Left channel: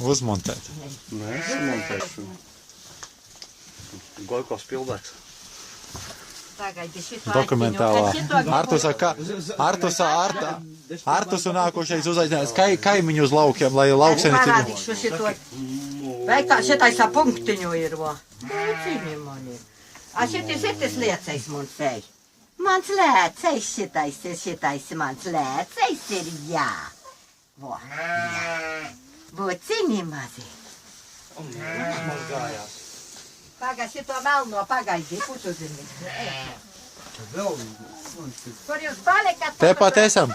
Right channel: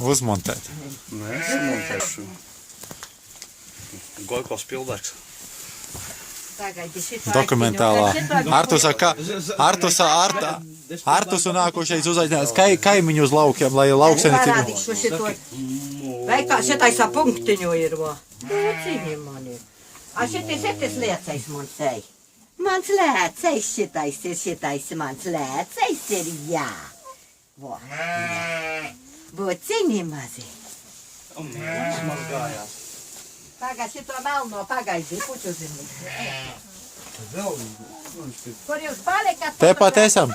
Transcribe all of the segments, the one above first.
Uzmontēt. Nē, es montēšu. Gojkos pildēks. Dokumentālā. Artus un nākošais uzaicinājums kaimiņu uz laukiem, lai laukseni Parādīšu šito. Vai kā šitais punktiņu ir, vo? Cīņi mani. A šitais liecais man sei. Mans lēcais šitais mans lēcais ir, jā. Vo, jā. Buciņi mazi. Tas man gājās. Tagad šito melno pagaidzi, puķu zirni. Kur jūs palikat? Tepat esam.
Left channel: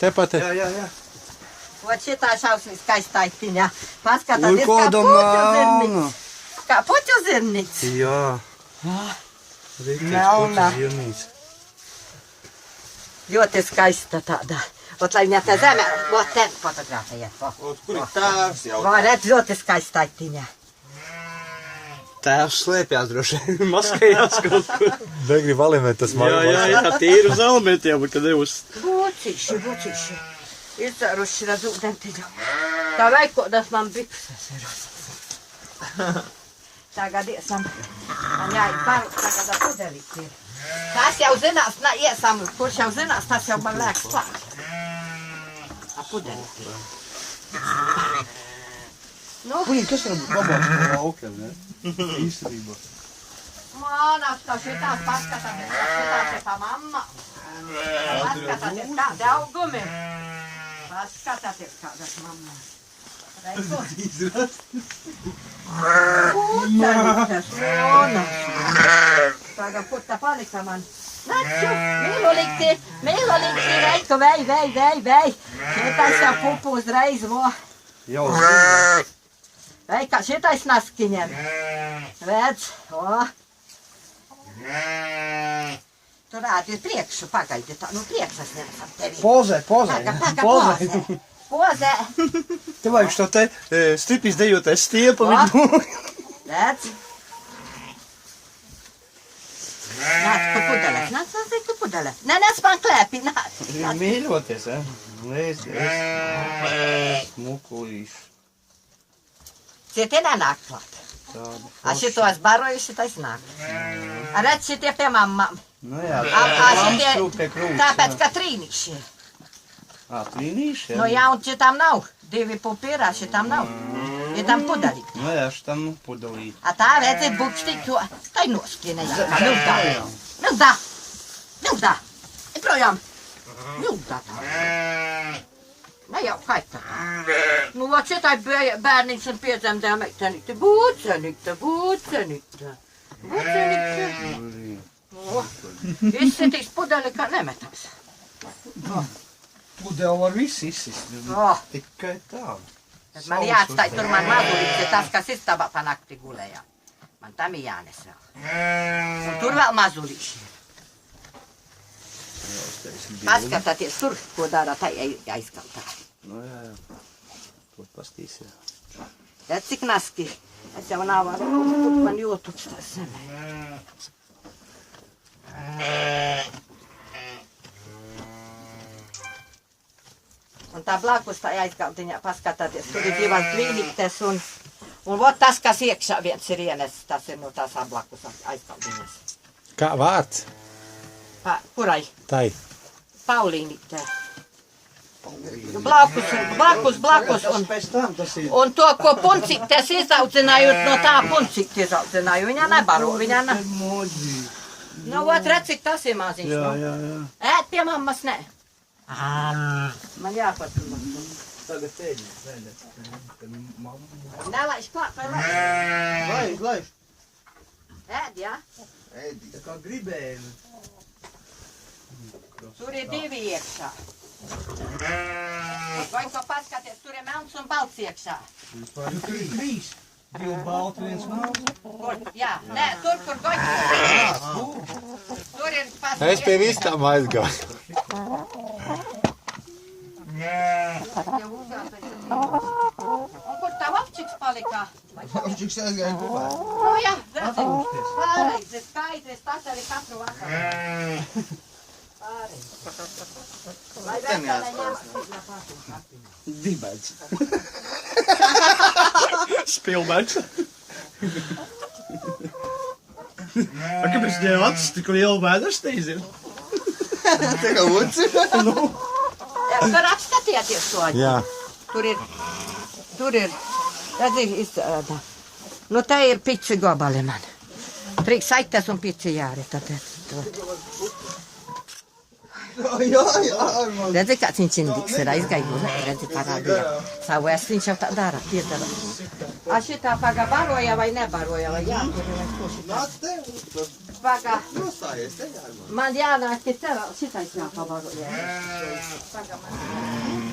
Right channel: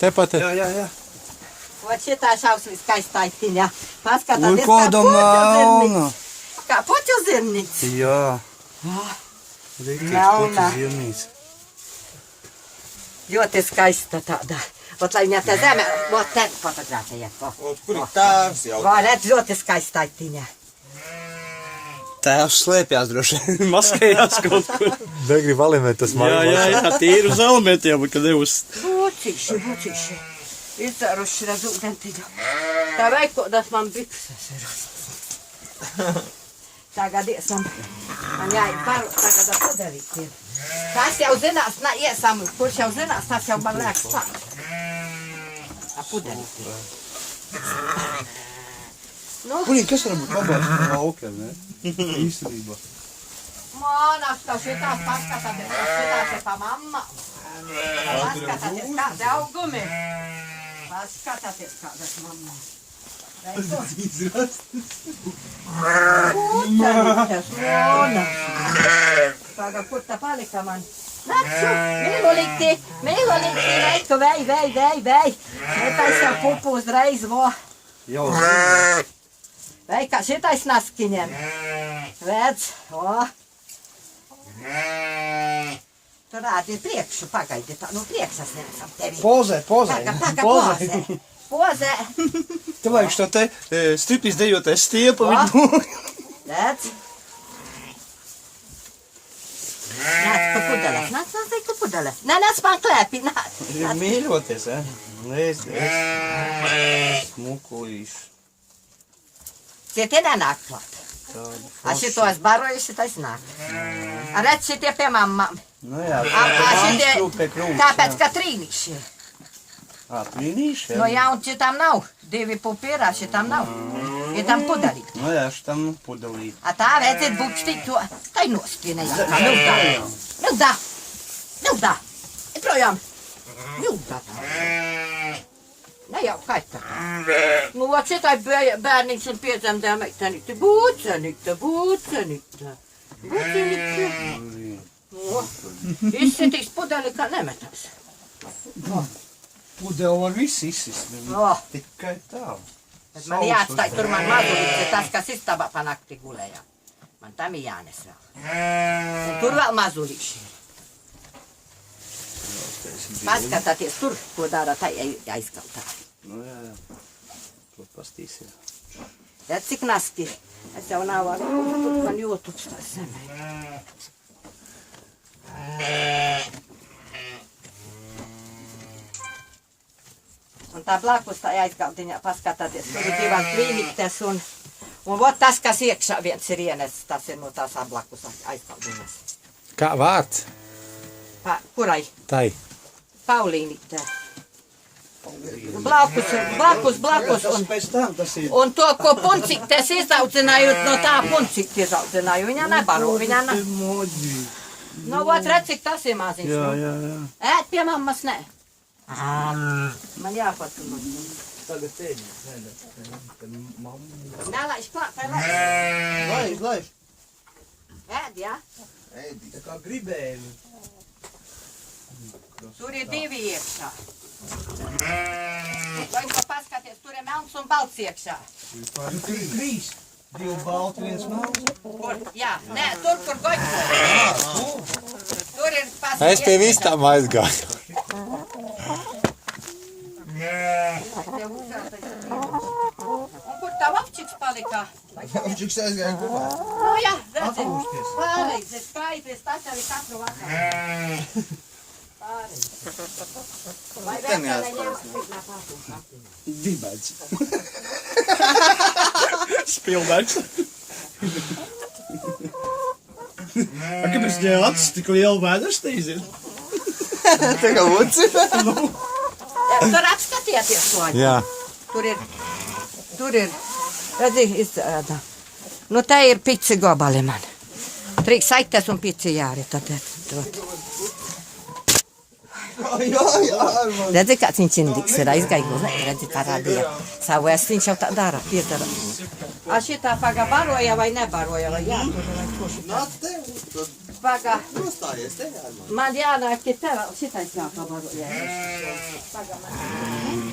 Tepat esam. Jā. Vot šitā šausmīs skaistaitiņa. Paskatāties, kā puķu zirniks. Kā puķu zirniks. Jā. Melna. Ļoti skaista tāda. Vot, lai viņa te zeme, vot te fotografējiet. Kur ir tēvs jau? Vā, redz, ļoti skaistaitiņa. Tēvs slēpjās droši. Maskējās kaut kur. Negrib alimēt tas mājās. Jā, tīri uz elementiem, kad ir uz... Buciši. Izdaruši redz ūdentiņu. Tā veikodas man bikses ir. Tagad iesam. Man jāiet paru, tagad pudelīt ir. Tas jau zinās, iesam, kurš jau zinās, tas jau man liekas klāt. Tā pudelīt ir. Kurīgi, kas var babās par laukiem, ne? Īstenībā. Mānās, tā šitās paskatāties, šitās ir tā mamma. Paskatāties, kādi augumi. Paskatāties, kādas mammas. Puteļites, Mona. Tagad puta palika man. Nacu, mīlolīti, reiku, vei. Šitais jau pupu uzreiz, vo. Jau zinu. Vei, kā šitais naskiņiem. Vedz, o. Tu rādi priekšu, pagaidi tā, priekšas ņemsam tevi. Pozē. Pozē. Te vajag šo te stripis dejoties stiepu. Redz. Nāc pa pudeles, nāc pa pudeles. Nāc man klēpi, nāc. Mīļoties, Lēs. Smukulīs. Citie nenāk klāt. A šitos baroju, šitais nāk. A redz šitie pie mammām. Nu jā, A šitie, krūts. tāpēc, ka trīnīši. Trīnīši? Nu jā, un šitam nav. 2 pupirā, šitam nav. Ir tam pudelīt. Nu jā, šitam pudelīt. A tā redzēt bukštīt, jo tai noskienē jākā. Mildā. Projām. Mildā tā. Ne jau kaita. Nu, vot šitai bērniņš un piedzemdēja meitenīte. Būcenīte. Izsitīs pudeli, kā nemetās. Pudeli var viss izsist. Tikai tā. Bet man jāatstāj tur man mazulīts, tas, kas istabā pa nakti gulēja. Man tam ir jānes vēl. Un tur vēl mazulīši. Paskatāties tur, ko dara tā aizkaltā. Nu jā. To pastīsim. Redz, cik naski. Es jau nav varu, man jūtuks tā zemē. Un tā blakus tā aizkaltiņā paskatāties, tur ir 2 tvīnītes un vot tas, kas iekšā viens ir ienesis, tas ir no tās blakus aizkaltiņas. Kā vārds? Kurai? Tai. Paulīnīte. Blakus. Un to, ko puncītes izaudzināju, no tā puncītes izaudzināju. Viņa nebaro, viņa ne. Nu, vot, redz, cik tas ir maziņš. Jā. Ēt pie mammas, nē. Man jāpatīk. Tagad tēģi. Nelaiž klāt, vai Laiž. Ēd, jā? Ēdi, tā kā gribēji. Tur ir 2 iekšā. Vai ko paskaties, tur ir melns un balts iekšā. Tur ir 3. 2 balti, 1 melns. Kur? Jā, nē, tur, kur goļķi. Tur ir paskaties. Es pie vistām aizgāju. Un kur tā vapčiks palika? Vapčiks aizgāja kopā. Nu jā, redzi. Pārreiz ir skaidrs, tas arī katru vakaru. Pārreiz. Vai veselē ņemas? Dibēdz. Spielbergs. Kāpēc viņai acis tik liela vēderstīs ir? Tā kā uci. Tur apskatieties to. Jā. Tur ir, redzi, izrāda. Nu, te ir pici gobali man. Trīs saites un pici jāri. Tad. Jā, man. Redzi, kāds viņš indiks ir aizgājis. Redzi, parādīja. Savu es viņš jau tā dara, piedara. A šitā paga baroja vai nebaroja, vai jā? Nāc te, Paga, nostājies te, jā. man jānāk, ka šitais jāpabaroja. Paga man.